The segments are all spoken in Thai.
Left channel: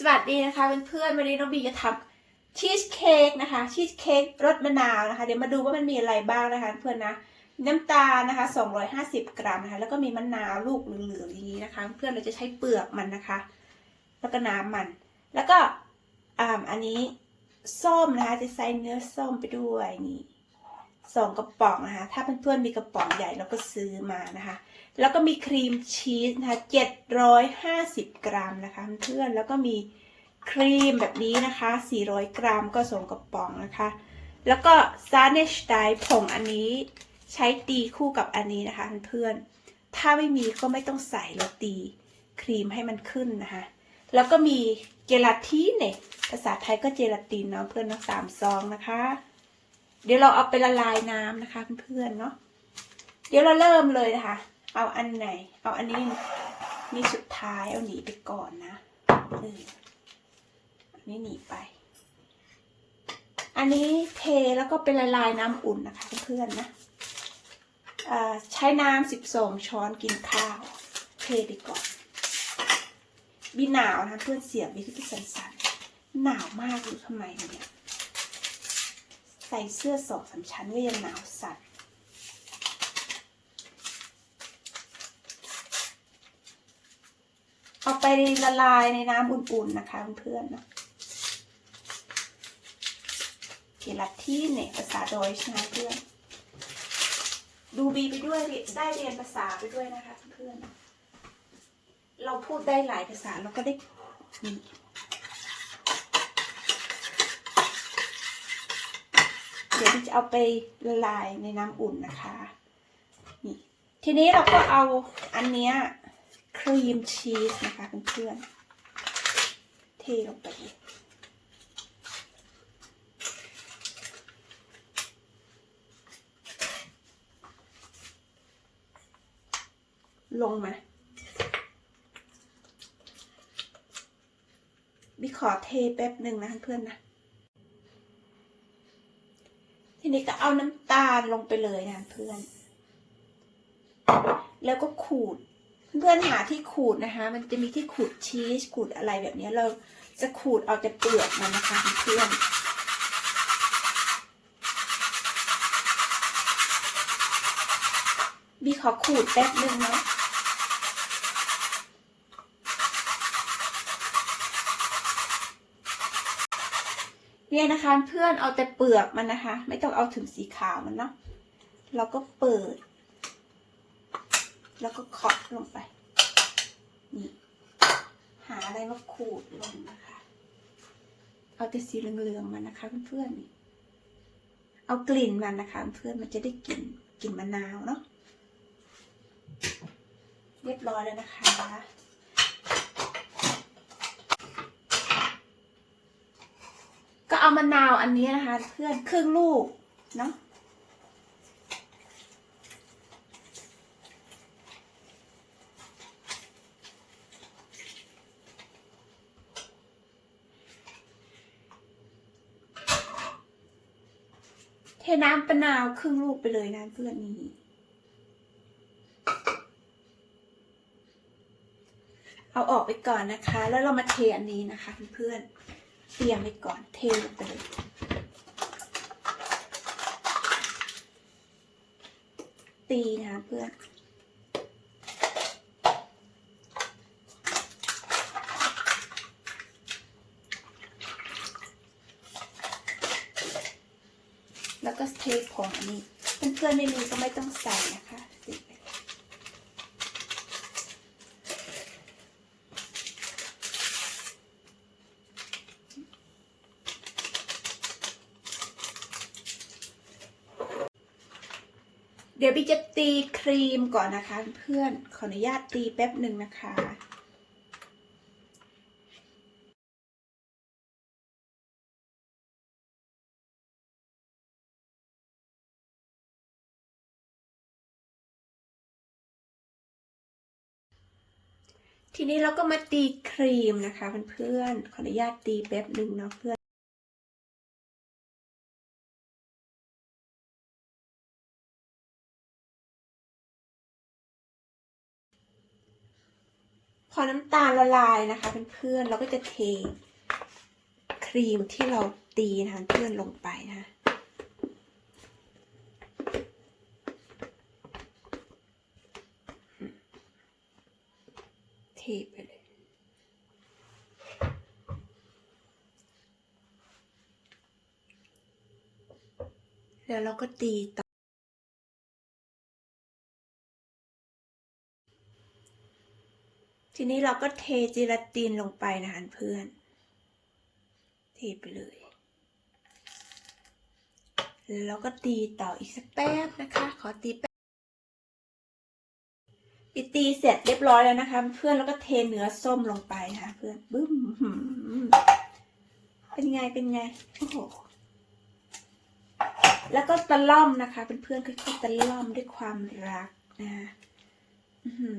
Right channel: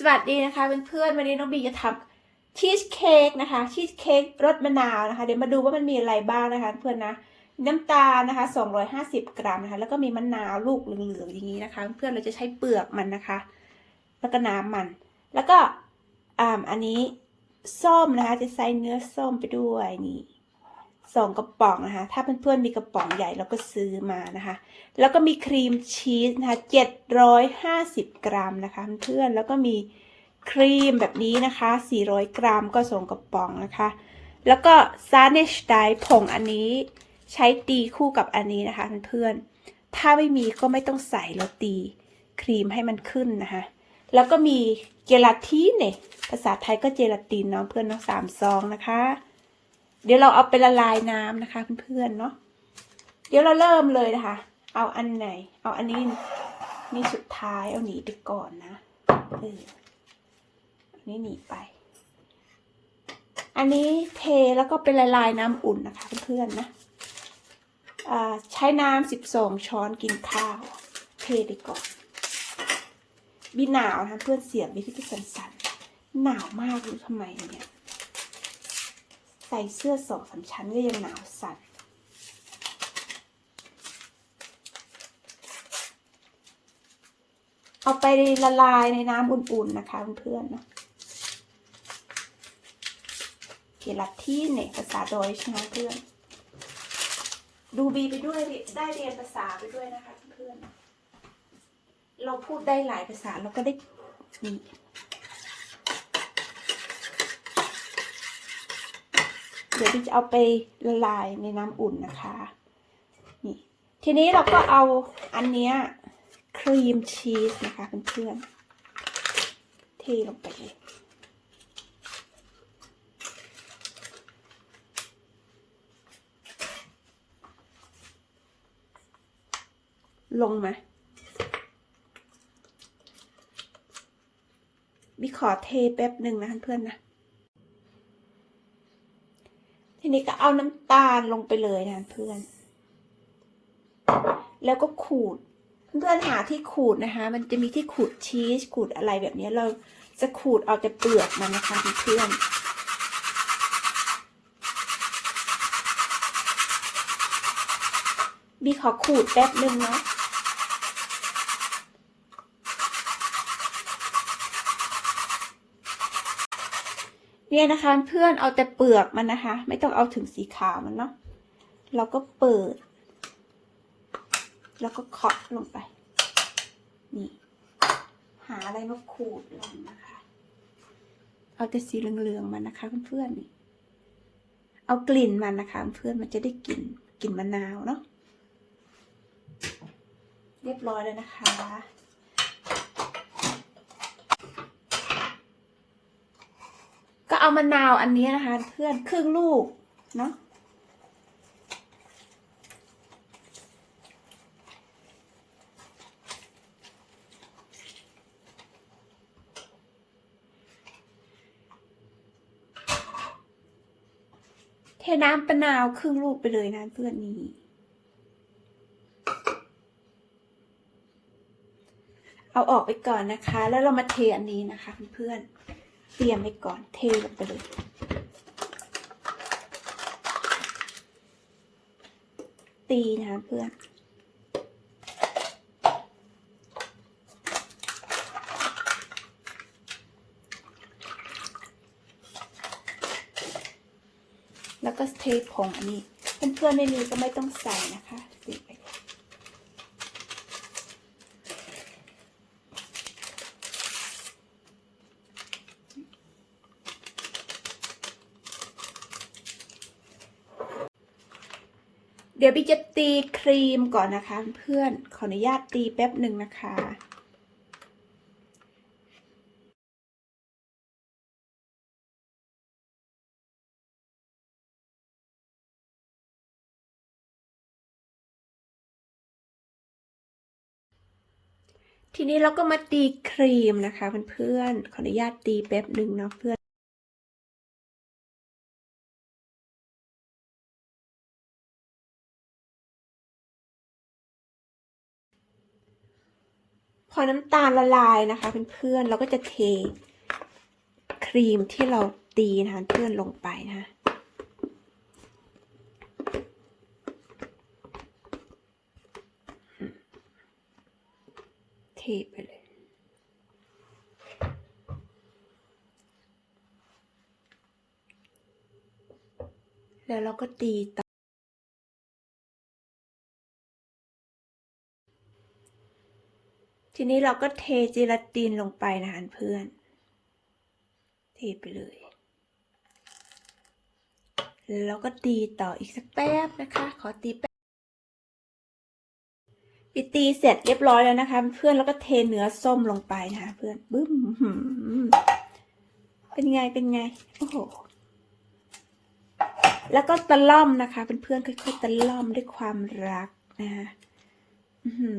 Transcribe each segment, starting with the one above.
สวัสดีนะคะเพื่อนๆวันนี้น้องบีจะทำชีสเค้กนะคะชีสเค้กรสมะนาวนะคะ เดี๋ยวมาดูว่ามันมีอะไรบ้างนะคะเพื่อนนะน้ำตาลนะคะ 250 กรัมนะคะ แล้วก็มีมะนาวลูกเหลืองๆอย่างนี้นะคะ เพื่อนเราจะใช้เปลือกมันนะคะ แล้วก็น้ำมัน แล้วก็อ่าอันนี้ส้มนะคะจะใส่เนื้อส้มไปด้วยนี่ สองกระป๋องนะคะ ถ้าเพื่อนๆมีกระป๋องใหญ่เราก็ซื้อมานะคะ แล้วก็มีครีมชีสนะคะ750กรัมนะคะเพื่อนๆแล้วก็มีครีมแบบนี้นะคะ400กรัมก็ส่งกระป๋องนะคะ แล้วก็ซาเนชไดผงอันนี้ใช้ตีคู่กับอันนี้นะคะเพื่อนๆถ้าไม่มีก็ไม่ต้องใส่แล้วตีครีมให้มันขึ้นนะคะ แล้วก็มีเจลาตินเนี่ยภาษาไทยก็เจลาตินเนาะเพื่อนเนาะสามซองนะคะ เดี๋ยวเราเอาไปละลายน้ำนะคะเพื่อนๆเนาะเดี๋ยวเราเริ่มเลยนะคะ เอาอันไหน เอาอันนี้นี่สุดท้ายเอาหนีไปก่อนนะเอออันนี้หนีไป อันนี้เทแล้วก็เป็นละลายน้ำอุ่นนะคะเพื่อนๆนะใช้น้ำสิบสองช้อนกินข้าว เทไปก่อนบีหนาวนะเพื่อนเสียงบีที่สั่นๆหนาวมากเลยทำไมเนี่ย ใส่เสื้อสองสามชั้นก็ยังหนาวสั่นเอาไปละลายในน้ำอุ่นๆนะคะเพื่อนๆนะเจลาตินเนี่ยภาษาโดยชนะเพื่อน ดูบีไปด้วยได้เรียนภาษาไปด้วยนะคะเพื่อน เราพูดได้หลายภาษาเราก็ได้ เดี๋ยวบีจะเอาไปละลายในน้ำอุ่นนะคะนี่ทีนี้เราก็เอาอันเนี้ยครีมชีสนะคะเพื่อนๆเทลงไปลยลงมาบิขอเทแป๊บหนึ่งนะเพื่อนๆนะ ที นี้ก็เอาน้ำตาลลงไปเลยนะเพื่อน แล้วก็ขูด เพื่อนหาที่ขูดนะคะ มันจะมีที่ขูดชีสขูดอะไรแบบนี้เราจะขูดเอาแต่เปลือกมันนะคะเพื่อนบีขอขูดแป๊บหนึ่งเนาะ เนี่ยนะคะเพื่อนเอาแต่เปลือกมันนะคะ ไม่ต้องเอาถึงสีขาวมันเนาะเราก็เปิด แล้วก็เคาะลงไป นี่ หาอะไรมาขูดลงนะคะ เอาแต่สีเหลืองๆมันนะคะเพื่อนๆนี่เอากลิ่นมันนะคะเพื่อนมันจะได้กลิ่นกลิ่นมะนาวเนาะเรียบร้อยแล้วนะคะ เอามะนาวอันนี้นะคะ เพื่อนครึ่งลูกเนาะเทน้ำปะนาวครึ่งลูกไปเลยนะเพื่อนนี้เอาออกไปก่อนนะคะ แล้วเรามาเทอันนี้นะคะเพื่อนๆ เตรียมไปก่อนเทลงไปเลยตีนะคะเพื่อนแล้วก็เทผงอันนี้เพื่อนๆไม่รู้ก็ไม่ต้องใส่นะคะติดไป เดี๋ยวพี่จะตีครีมก่อนนะคะ เพื่อนขออนุญาตตีแป๊บหนึ่งนะคะทีนี้เราก็มาตีครีมนะคะเพื่อนๆขออนุญาตตีแป๊บหนึ่งเนาะเพื่อน ออน้ำตาลละลายนะคะเพื่อนๆเราก็จะเทครีมที่เราตีนะคะเพื่อนลงไปนะคะเทไปเลย แล้วเราก็ตี ทีนี้เราก็เทเจลาตินลงไปนะคะเพื่อน เทไปเลย แล้วก็ตีต่ออีกสักแป๊บนะคะ ขอตีแป๊บปีตีเสร็จเรียบร้อยแล้วนะคะ เพื่อนแล้วก็เทเนื้อส้มลงไปนะคะเพื่อนบึ้มหืมเป็นไงเป็นไงโอ้โหแล้วก็ตะล่อมนะคะเพื่อนๆค่อยๆตะล่อมด้วยความรักนะคะอื้อหือ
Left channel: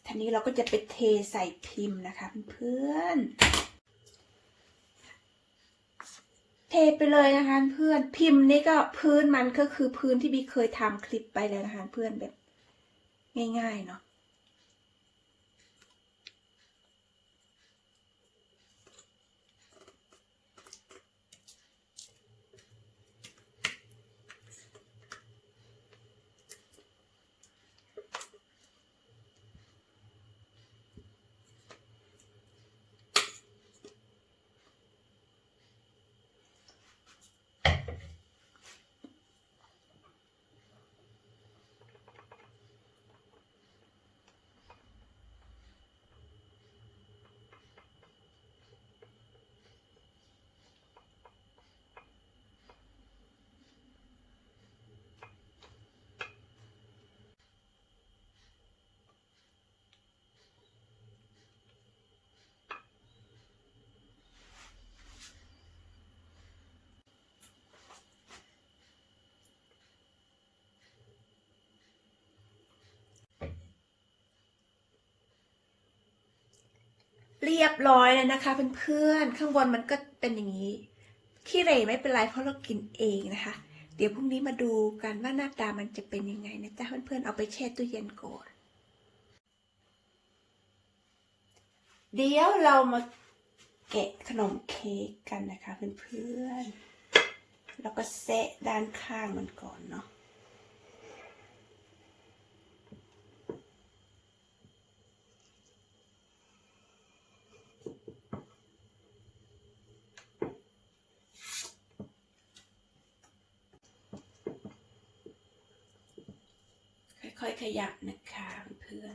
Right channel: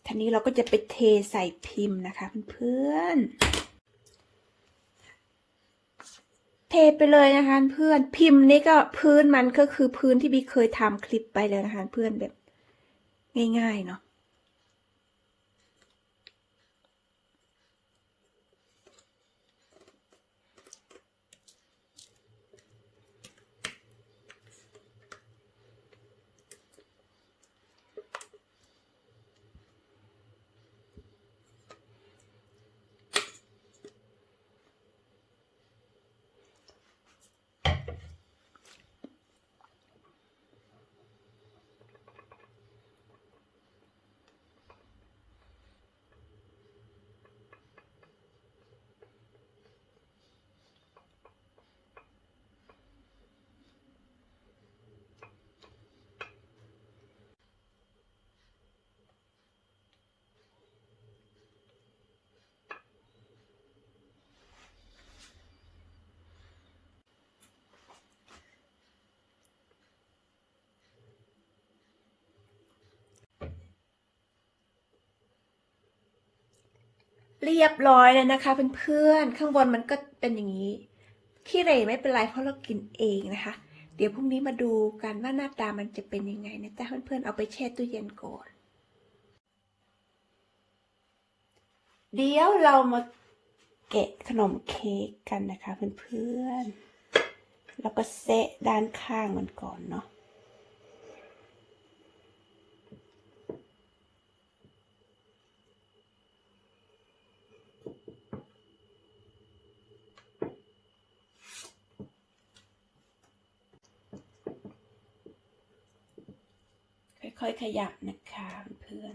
ที นี้เราก็จะไปเทใส่พิมพ์นะคะเพื่อนเทไปเลยนะคะเพื่อนพิมพ์นี่ก็พื้นมันก็คือพื้นที่บีเคยทำคลิปไปเลยนะคะเพื่อนแบบง่ายๆเนาะ เรียบร้อยเลยนะคะเพื่อนๆข้างบนมันก็เป็นอย่างนี้ขี้เหร่ไม่เป็นไรเพราะเรากินเองนะคะ เดี๋ยวพรุ่งนี้มาดูกันว่าหน้าตามันจะเป็นยังไงนะจ๊ะเพื่อนๆเอาไปแช่ตู้เย็นก่อนเดี๋ยวเรามาแกะขนมเค้กกันนะคะเพื่อนๆแล้วก็เซะด้านข้างมันก่อนเนาะ ค่อยๆขยับนะคะเพื่อน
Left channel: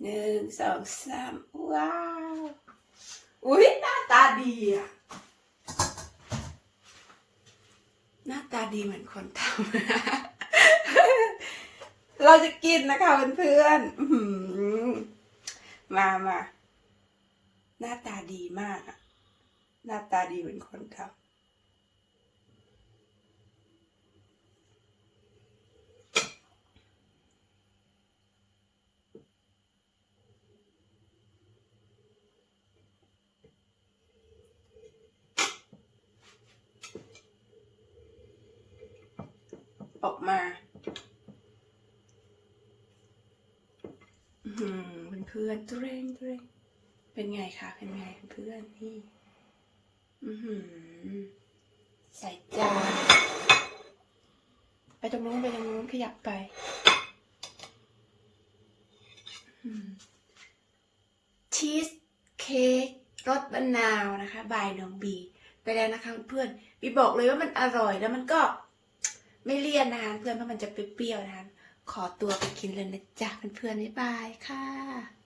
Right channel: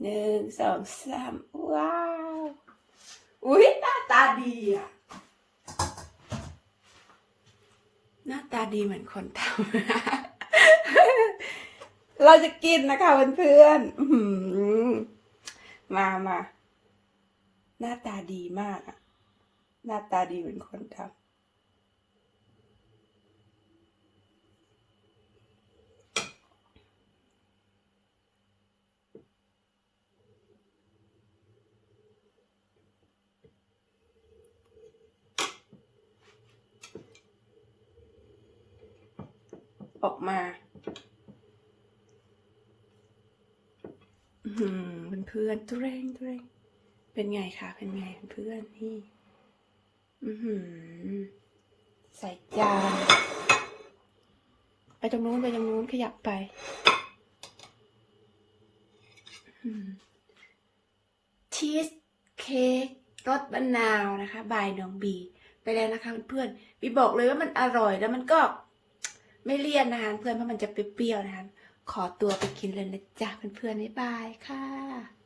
หนึ่งสองสามว้าว อุ๊ยหน้าตาดีอะ หน้าตาดีเหมือนคนทำเราจะกินนะคะเพื่อนๆมามา หน้าตาดีมากอะหน้าตาดีเหมือนคนทำออกมาเพื่อนๆตุเรงตุเรง เป็นไงคะ เป็นไงเพื่อนนี่ อือหือใส่จาน ไปตรงนู้นไปตรงนู้นขยับไป ชีสเค้กรสมะนาวนะคะ บายน้องบี ไปแล้วนะคะเพื่อนบีบอกเลยว่ามันอร่อยแล้วมันก็ไม่เลี่ยนนะคะเพื่อนเพราะมันจะเปรี้ยวนะคะ ขอตัวไปกินเลยนะจ๊ะเพื่อนๆบ๊ายบายค่ะ